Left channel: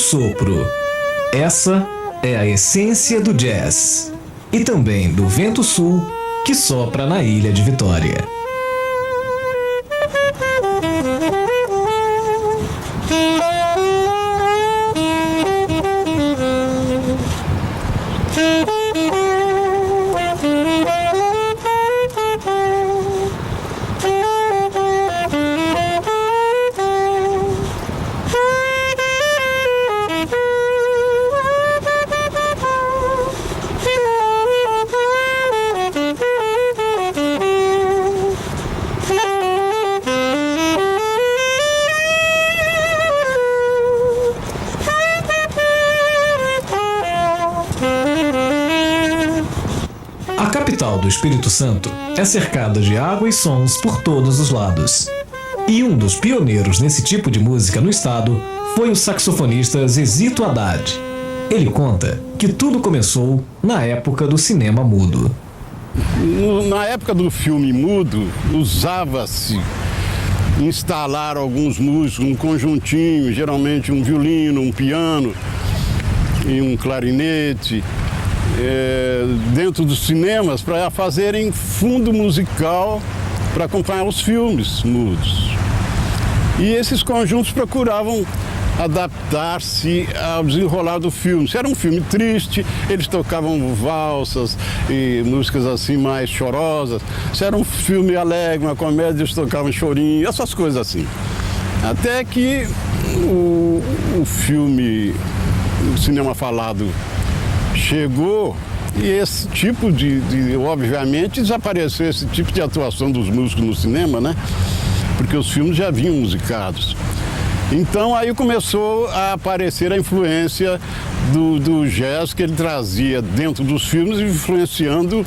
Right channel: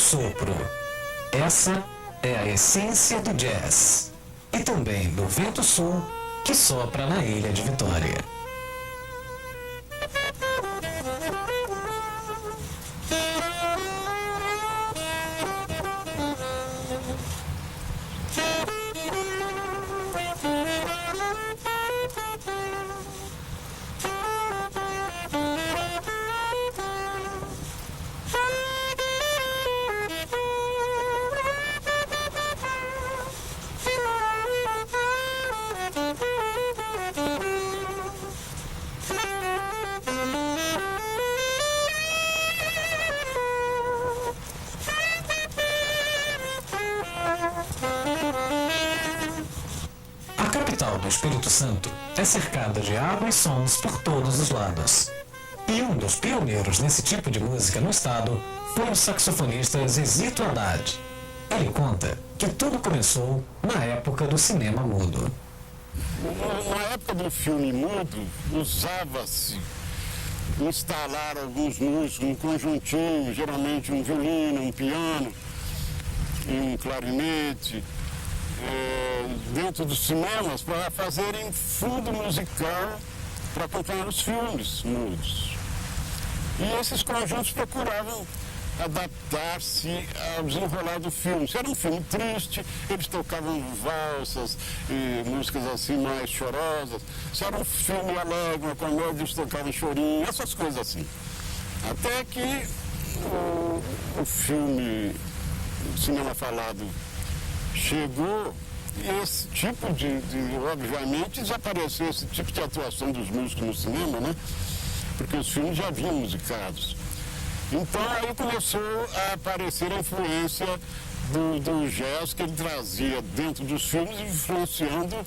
sopro. Essa é a essência do jazz. E também do vento sul que sopra na ilha de Vitória. A capital do Espírito Santo é cercada de água e sons por todos os lados. E um dos pioneiros nesse tipo de música no estado foi o saxofonista Zezito Haddad. Ele conta que tudo começou na época do cinema mudo. Na época do filme mudo, usava-se instalar alguns músicos num conjuntinho, geralmente um violino, um piano e um clarinete, dentro dos cinemas para fazerem fundo musical para acompanhar os filmes mudos. E esses conjuntos procuravam adaptar-se ao desenrolar do filme. Se era um filme triste, eles tocavam valsas e músicas assim mais chorosas. Se era um filme alegre, uma comédia, eles tocavam chorinho, essas coisas assim. Até que o filme, o cinema falado, chegou e esse tipo obviamente, desapareceu esse tipo de atuação dos músicos no cinema, né? Porque os filmes já vinham musicados. Então aí começou a aparecer a influência do jazz que ele trazia dentro dos filmes, influenciando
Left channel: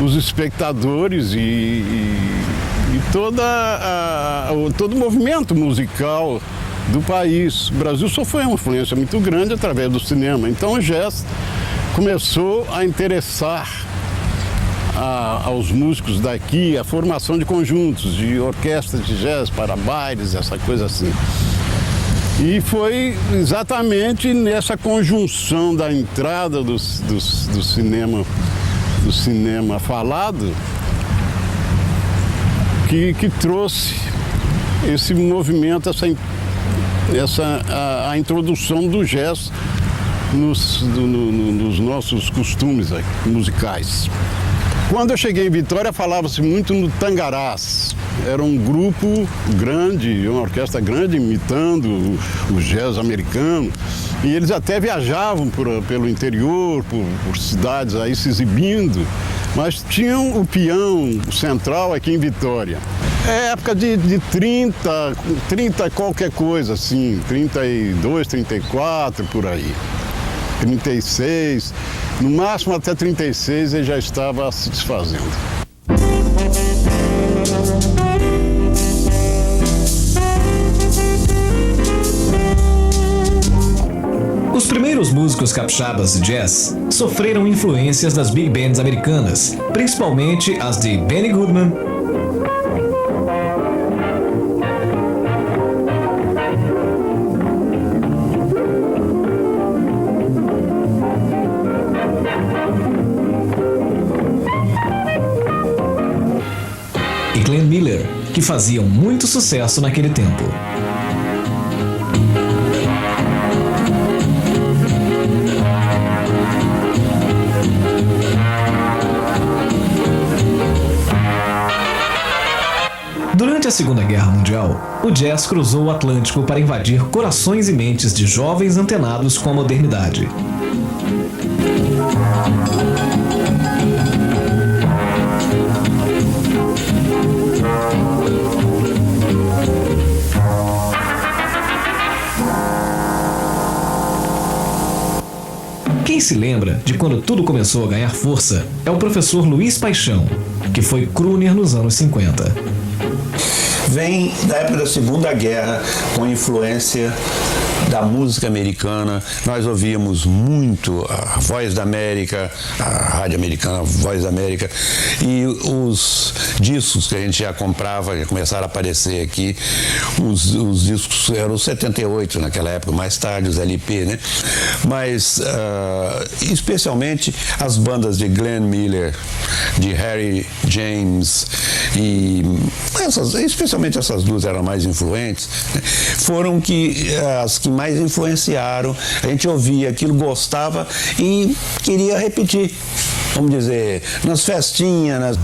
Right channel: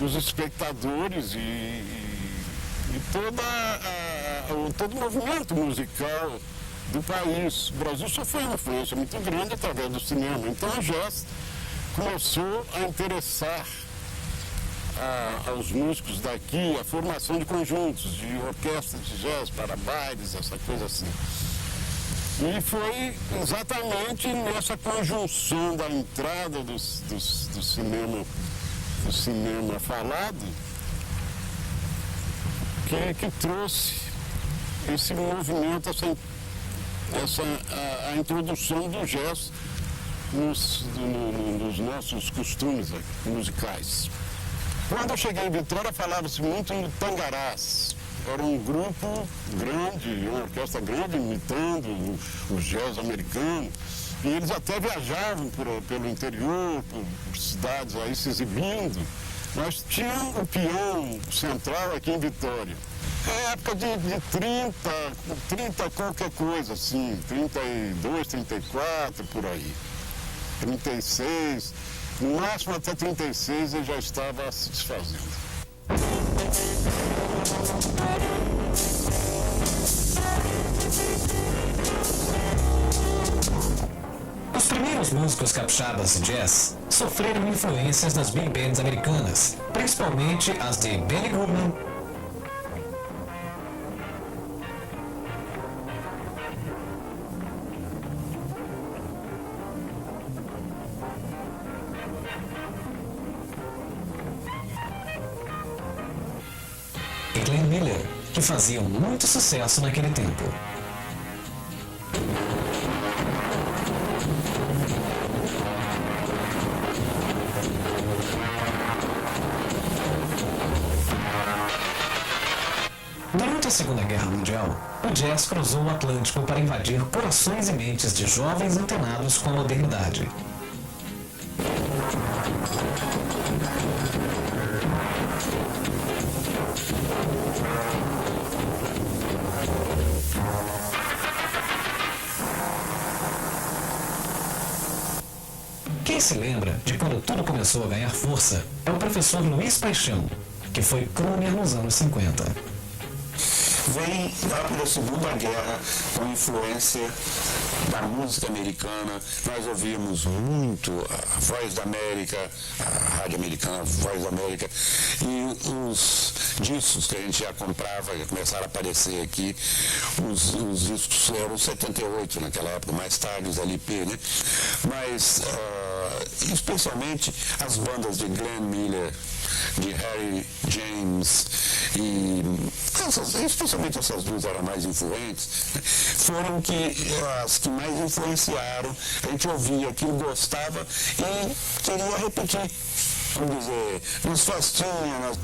os espectadores e todo o movimento musical do país. O Brasil sofreu uma influência muito grande através do cinema. Então o jazz começou a interessar aos músicos daqui a formação de conjuntos, de orquestras de jazz para bailes, essa coisa assim. E foi exatamente nessa conjunção da entrada do cinema falado que trouxe esse movimento, a introdução do jazz nos nossos costumes musicais. Quando eu cheguei em Vitória, falava-se muito no Tangarás. Era um grupo grande, uma orquestra grande, imitando o jazz americano. E eles até viajavam pelo interior, por cidades aí se exibindo. Mas tinham o peão central aqui em Vitória. É época de 30 qualquer coisa, assim, 32, 34, por aí. 36, no máximo até 36 ele já estava se desfazendo. Os primeiros músicos capixabas de jazz sofreram influências das big bands americanas, principalmente as de Benny Goodman, e Glenn Miller, que faziam muito sucesso naquele tempo. Durante a Segunda Guerra Mundial, o jazz cruzou o Atlântico para invadir corações e mentes de jovens antenados com a modernidade. Quem se lembra de quando tudo começou a ganhar força é o professor Luiz Paixão, que foi crooner nos anos 50. vem da época da Segunda Guerra, com influência da música americana. Nós ouvíamos muito a Voz da América, a rádio americana, a Voz da América, e os discos que a gente já comprava, que começaram a aparecer aqui, os discos eram os 78 naquela época, mais tarde os LP, né? Mas especialmente as bandas de Glenn Miller, de Harry James, e especialmente essas duas eram mais influentes, né? Foram as que mais influenciaram. A gente ouvia aquilo, gostava e queria repetir, vamos dizer, nas festinhas,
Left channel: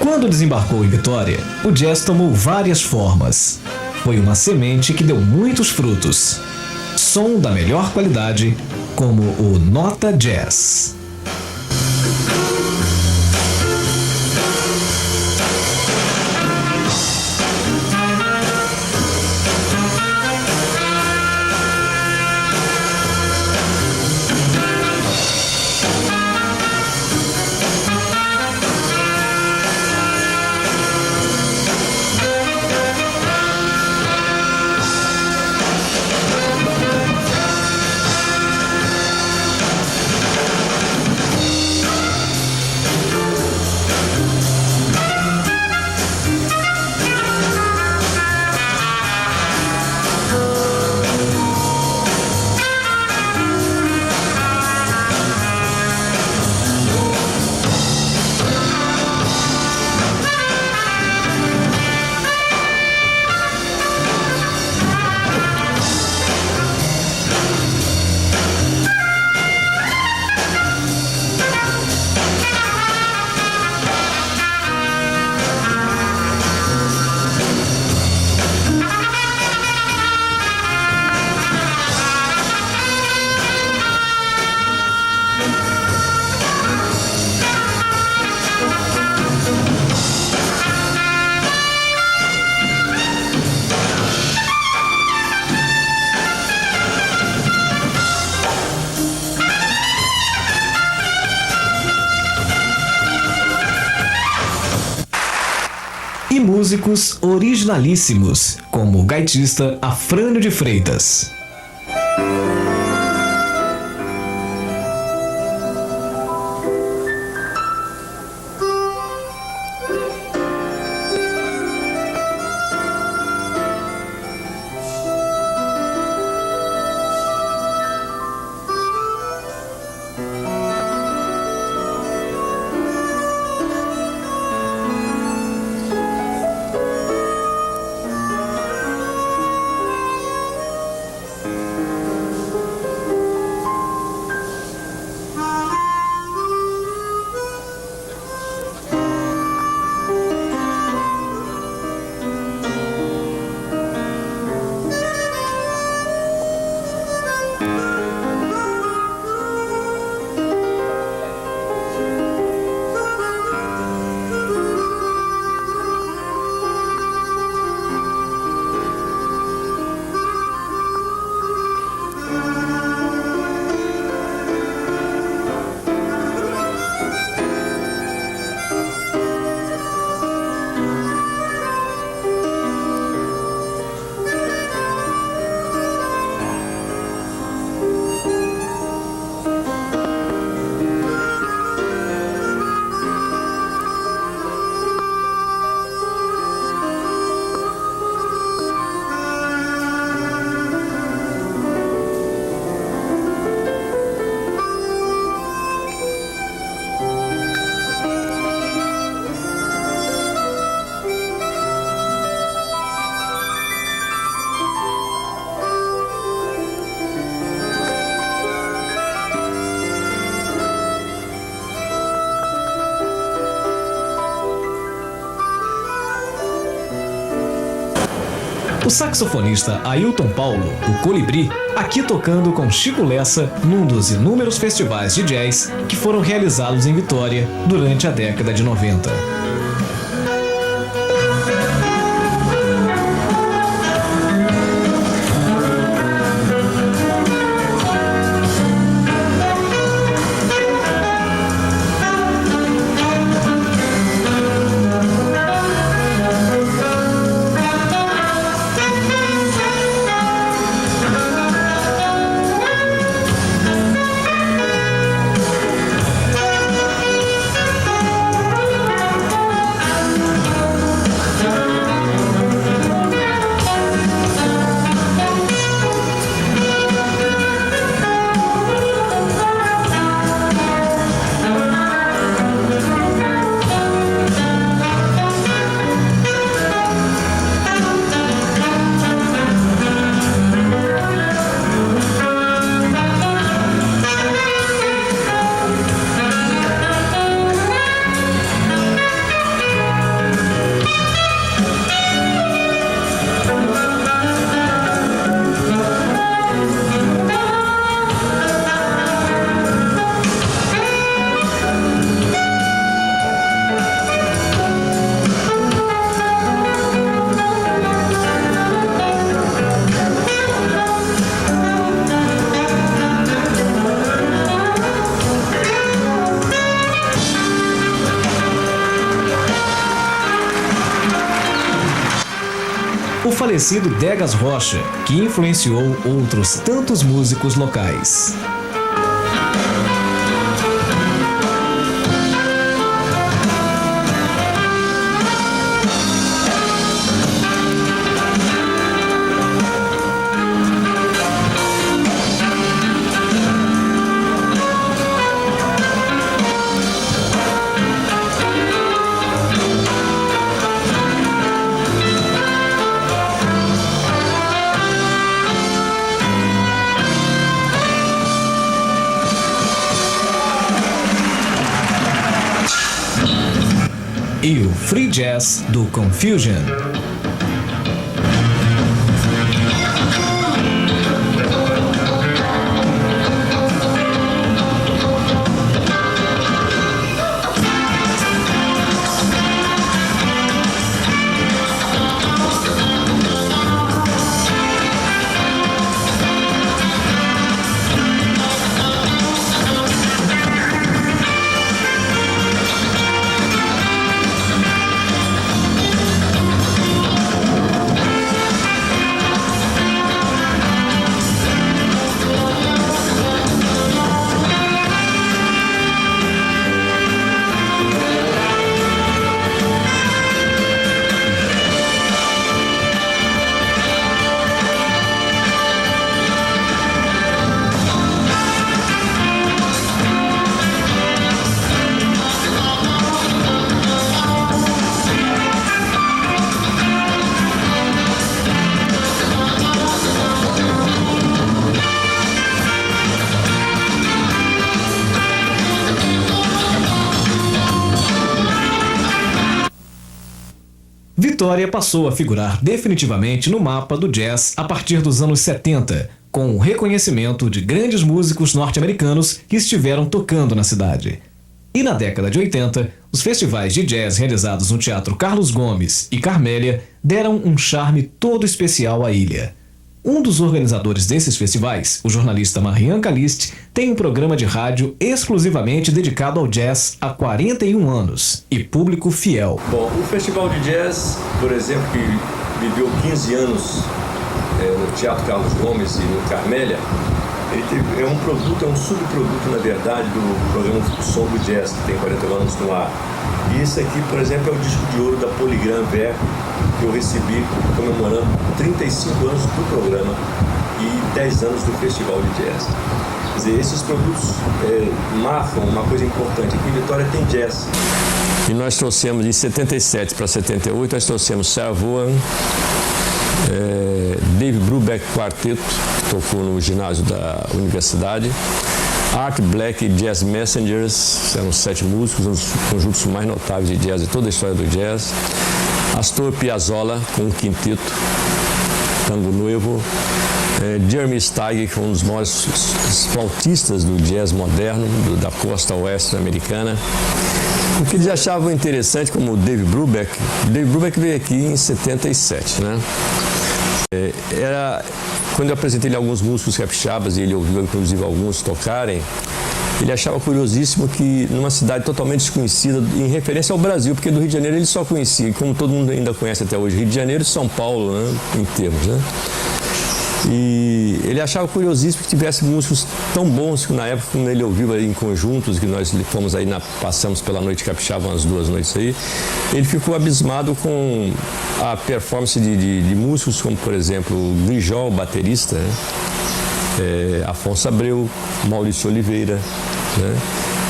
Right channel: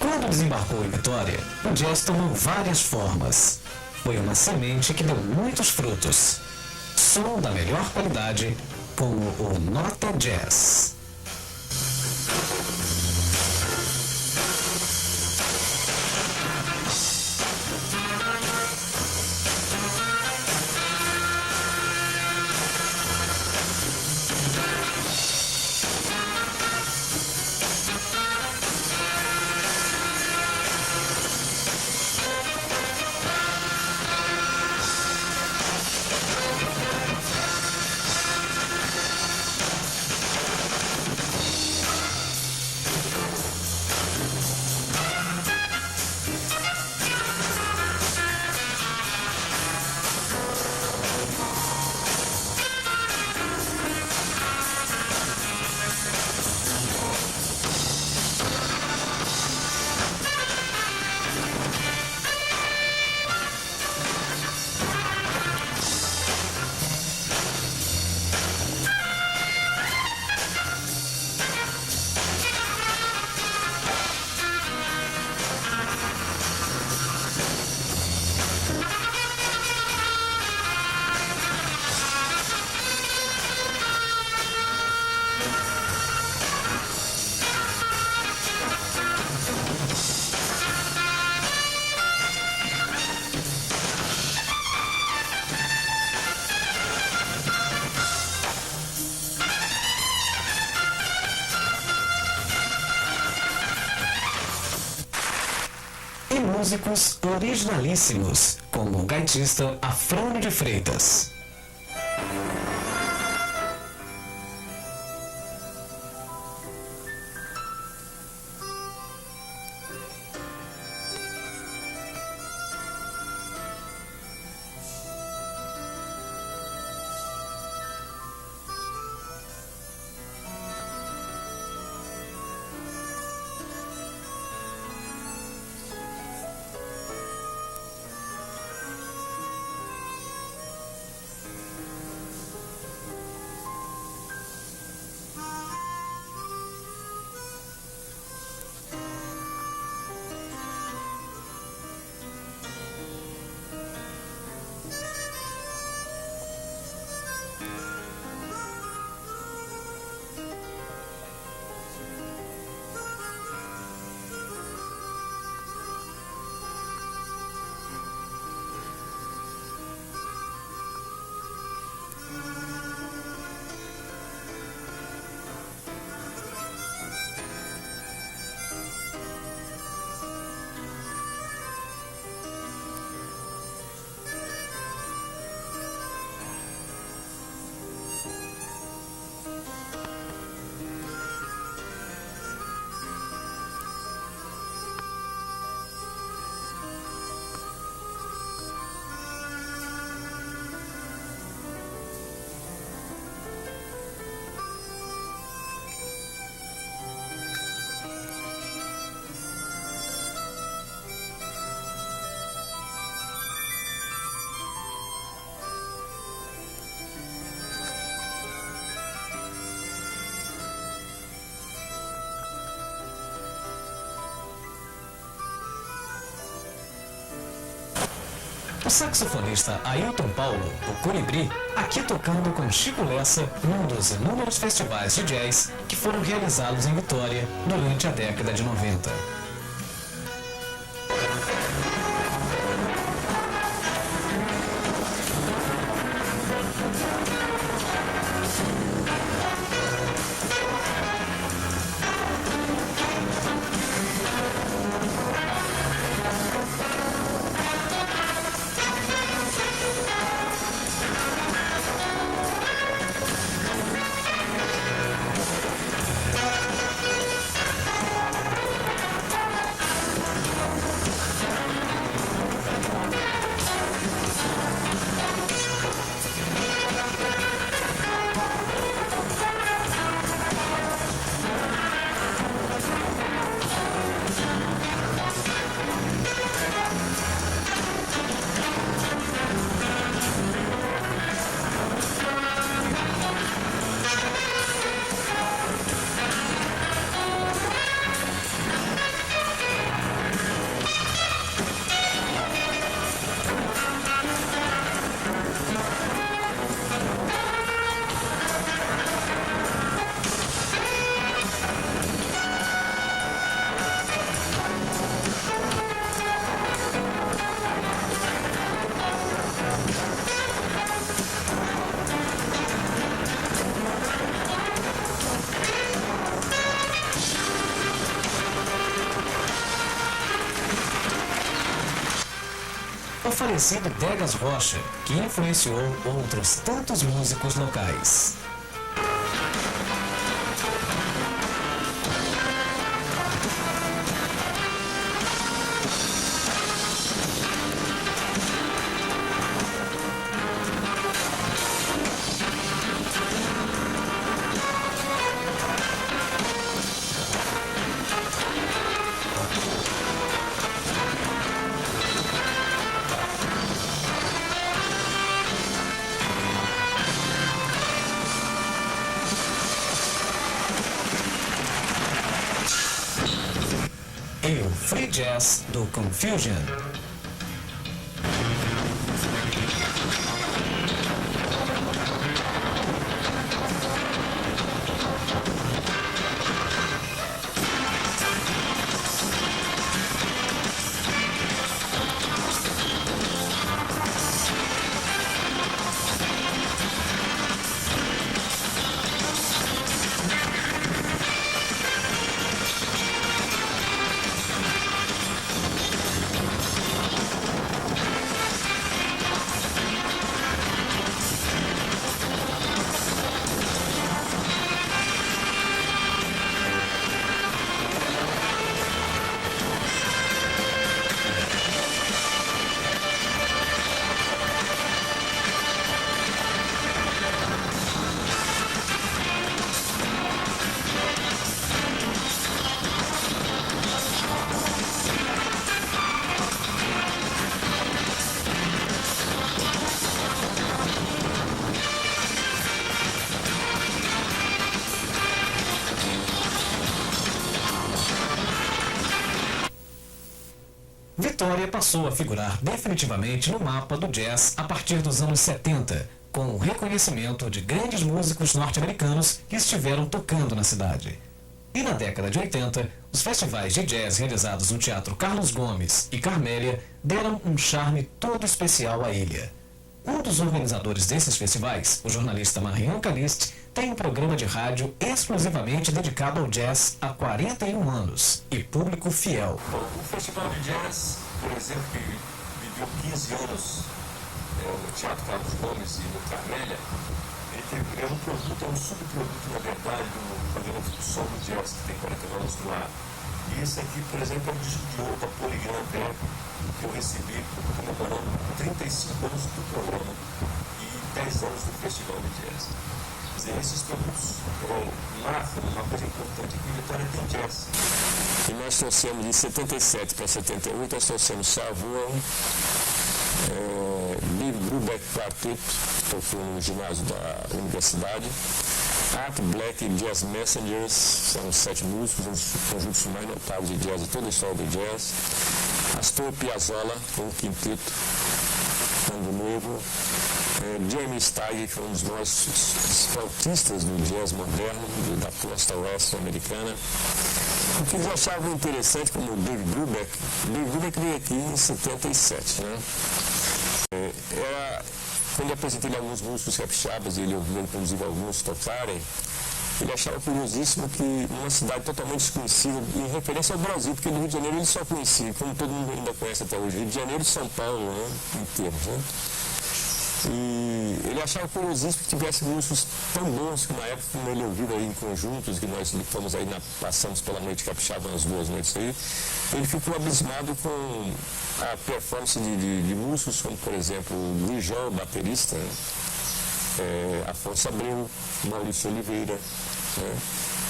Quando desembarcou em Vitória, o jazz tomou várias formas. Foi uma semente que deu muitos frutos. Som da melhor qualidade, como o Nota Jazz. E músicos originalíssimos, como o gaitista Afrânio de Freitas. O saxofonista Ailton Paulo, o Colibri, aqui tocando com Chico Lessa num dos inúmeros festivais de jazz que foram realizados em Vitória durante a década de 90. O falecido Degas Rocha, que influenciou outros tantos músicos locais. E o Free Jazz do Confusion. Vitória passou a figurar definitivamente no mapa do jazz a partir dos anos 70, com o reconhecimento de grandes músicos norte-americanos que estiveram tocando na cidade. E na década de 80, os festivais de jazz realizados no Teatro Carlos Gomes e Carmélia deram um charme todo especial à ilha. Um dos organizadores desses festivais, o jornalista Marian Caliste, tem um programa de rádio exclusivamente dedicado ao jazz há 41 anos e público fiel. Bom, o Festival de Jazz, por exemplo, que viveu 15 anos no Teatro Carlos Gomes e no Carmélia, é um produto, é um subproduto, na verdade, do programa Som do Jazz, que tem 40 anos no ar. E esse aqui, por exemplo, é o disco de ouro da Polygram Ver, que eu recebi comemorando 35 anos do programa e 10 anos do Festival de Jazz. Quer dizer, esses produtos marcam uma coisa importante, aqui em Vitória tem jazz. E nós trouxemos, de 77 para 78, nós trouxemos Sarah Vaughan, Dave Brubeck Quarteto, que tocou no ginásio da universidade, Art Black Jazz Messengers, eram 7 músicos, um dos conjuntos mais notáveis de jazz de toda a história do jazz, Astor Piazzolla com um quinteto, tocando no noivo Jeremy Steig, que é um dos maiores flautistas do jazz moderno, da costa oeste americana. O que eles achavam interessante, como o Dave Brubeck veio aqui em 77, né? Quando eu apresentei alguns músicos capixabas e ele ouviu inclusive alguns tocarem, ele achava curiosíssimo que numa cidade totalmente desconhecida, em referência ao Brasil, porque do Rio de Janeiro ele só conhecia, como todo mundo ainda conhece até hoje, Rio de Janeiro e São Paulo, né, em termos, né? E ele achava curiosíssimo que tivesse músicos tão bons que na época, como ele ouviu aí em conjuntos, que nós fomos aí, passamos pela Noite Capixaba umas 2 noites aí, ele ficou abismado com a performance de músicos como, por exemplo, Luiz Jó, baterista, né? Afonso Abreu, Maurício Oliveira, né?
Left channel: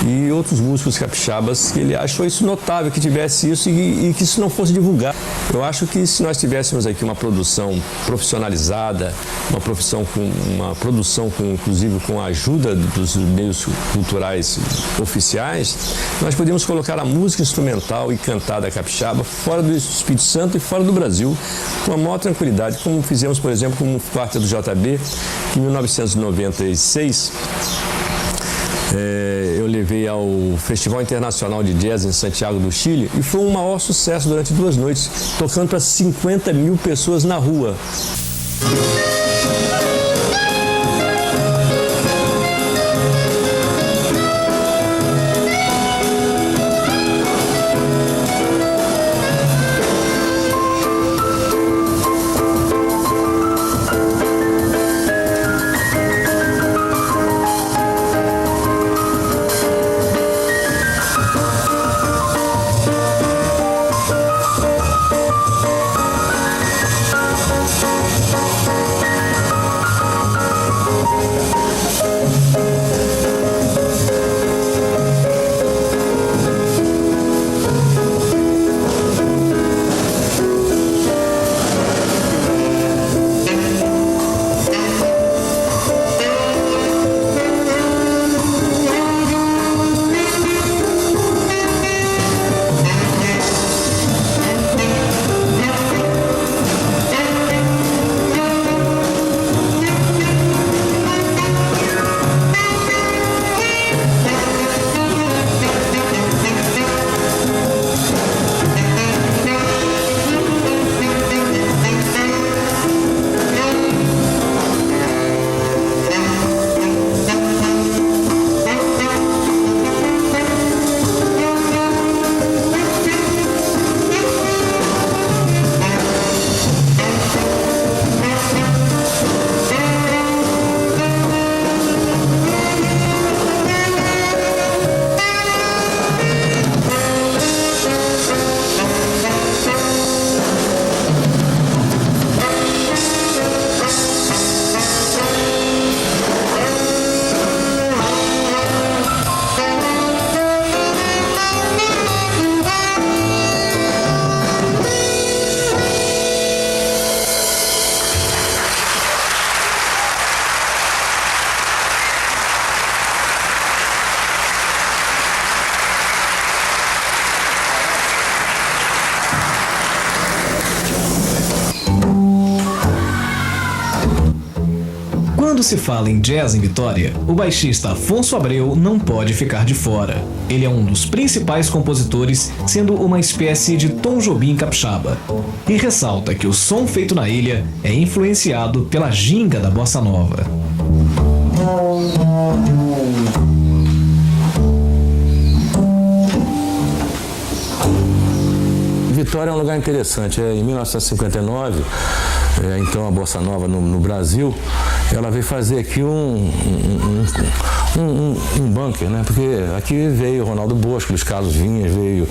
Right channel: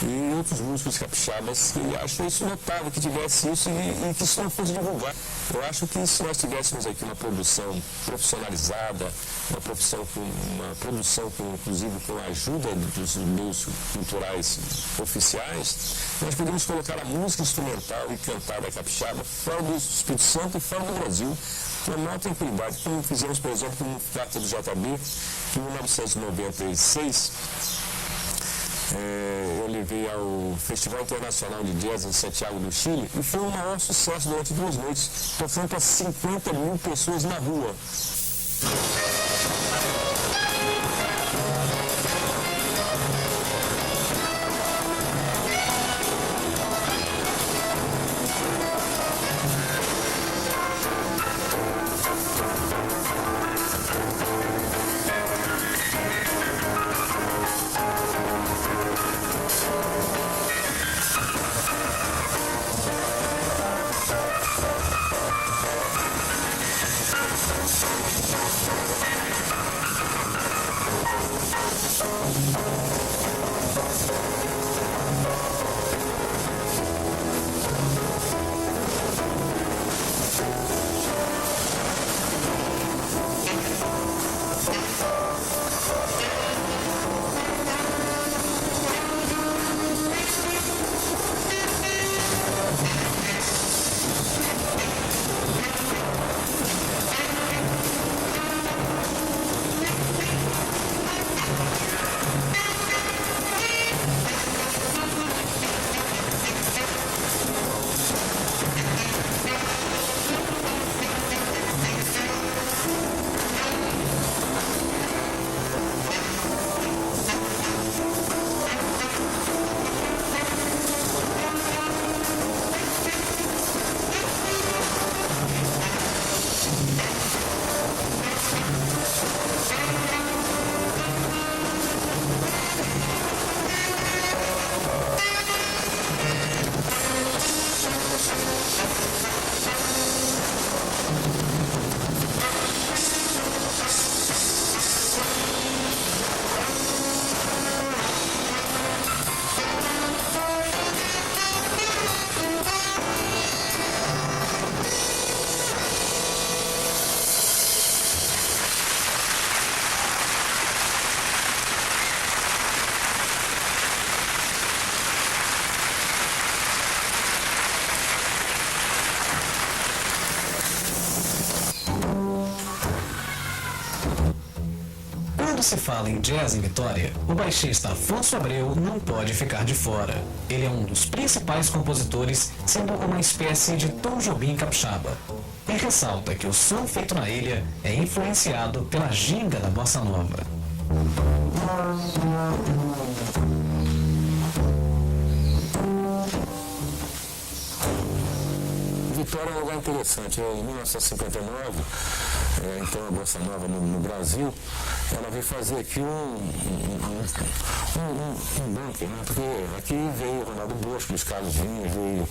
E outros músicos capixabas, que ele achou isso notável, que tivesse isso e que isso não fosse divulgado. Eu acho que se nós tivéssemos aqui uma produção profissionalizada, uma produção inclusive com a ajuda dos meios culturais oficiais, nós podemos colocar a música instrumental e cantada capixaba fora do Espírito Santo e fora do Brasil, com a maior tranquilidade, como fizemos, por exemplo, com o Quarteto do JB, que em 1996, eu levei ao Festival Internacional de Jazz em Santiago do Chile e foi um maior sucesso durante 2 noites, tocando para 50 mil pessoas na rua. Quando se fala em jazz em Vitória, o baixista Afonso Abreu não pode ficar de fora. Ele é um dos principais compositores, sendo uma espécie de Tom Jobim capixaba. E ressalta que o som feito na ilha é influenciado pela ginga da bossa nova. Vitória é um lugar interessante. Em 1959, então a bossa nova no Brasil, ela veio fazer aqui um bunker, né? Porque aqui veio Ronaldo Bosco, Luiz Carlos Vinhas, veio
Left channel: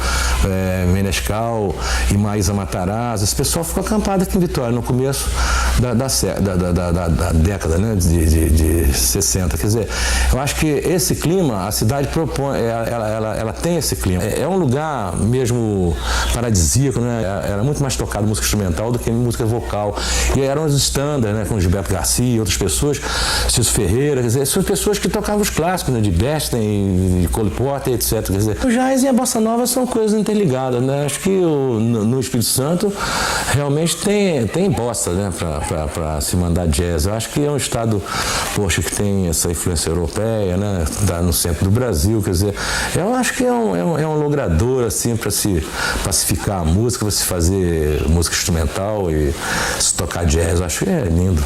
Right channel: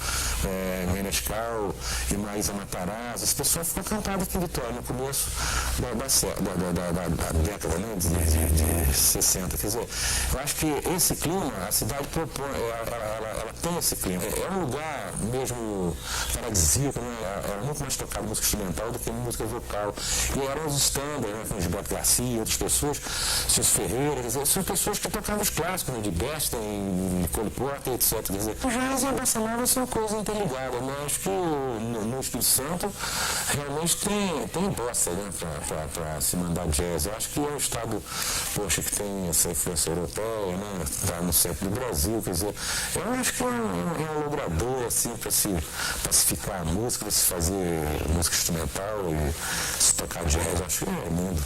Menescal e Maísa Matarazzo. Esse pessoal ficou acampado aqui em Vitória no começo da década, né? de 60. Quer dizer, eu acho que esse clima, a cidade propõe, ela tem esse clima. É um lugar mesmo paradisíaco, né? Era muito mais tocado música instrumental do que música vocal. E eram os standards, né? Com Gilberto Garcia e outras pessoas, Cício Ferreira, quer dizer, são pessoas que tocavam os clássicos, né, de Bernstein, de Cole Porter, etc. Quer dizer, o jazz e a bossa nova são coisas interligadas, né? Acho que no Espírito Santo realmente tem bossa, né, para se mandar jazz. Eu acho que é um estado, poxa, que tem essa influência europeia, né, no centro do Brasil, quer dizer, eu acho que é um logrador, assim, para se pacificar a música, para se fazer música instrumental e se tocar jazz, eu acho que é lindo.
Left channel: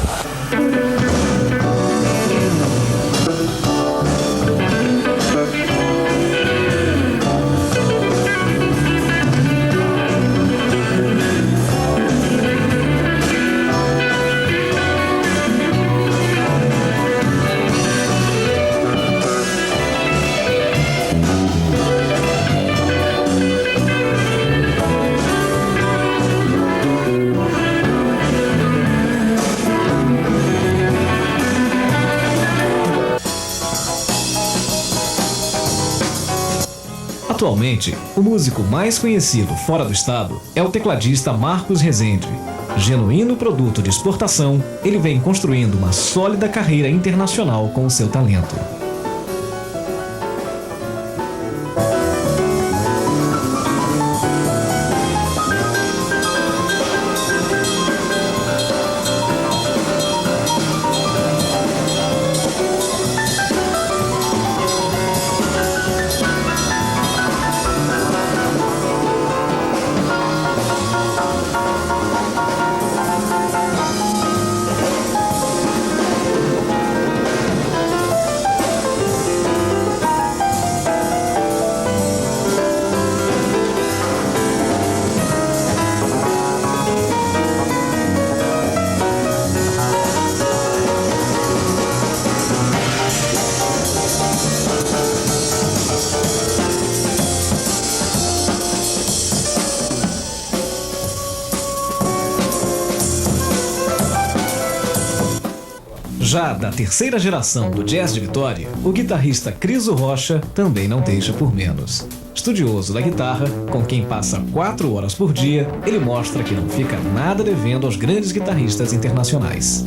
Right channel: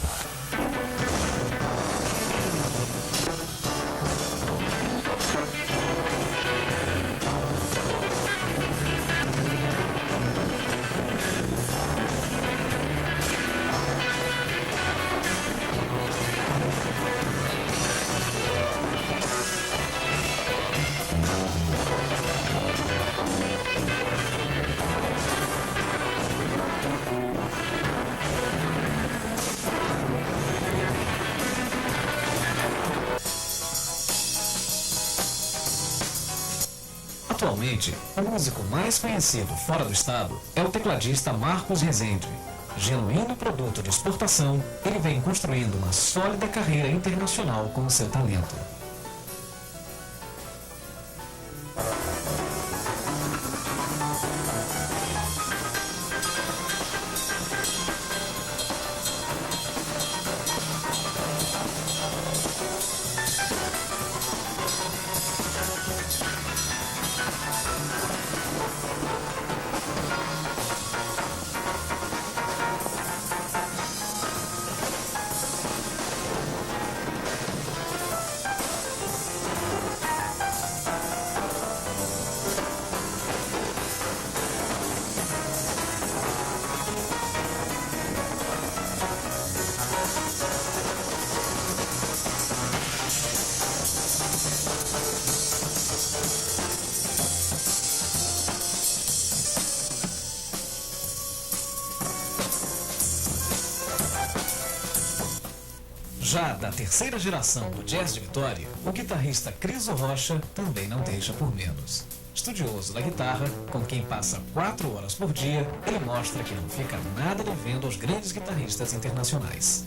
Atualmente, o músico mais conhecido fora do estado é o tecladista Marcos Rezende. Genuíno produto de exportação, ele vem construindo uma sólida carreira internacional com o seu talento. Já da terceira geração do jazz de Vitória, o guitarrista Criso Rocha também não deixa por menos. Estudioso da guitarra, com quem passa 4 horas por dia, ele mostra que não fica nada devendo aos grandes guitarristas internacionais.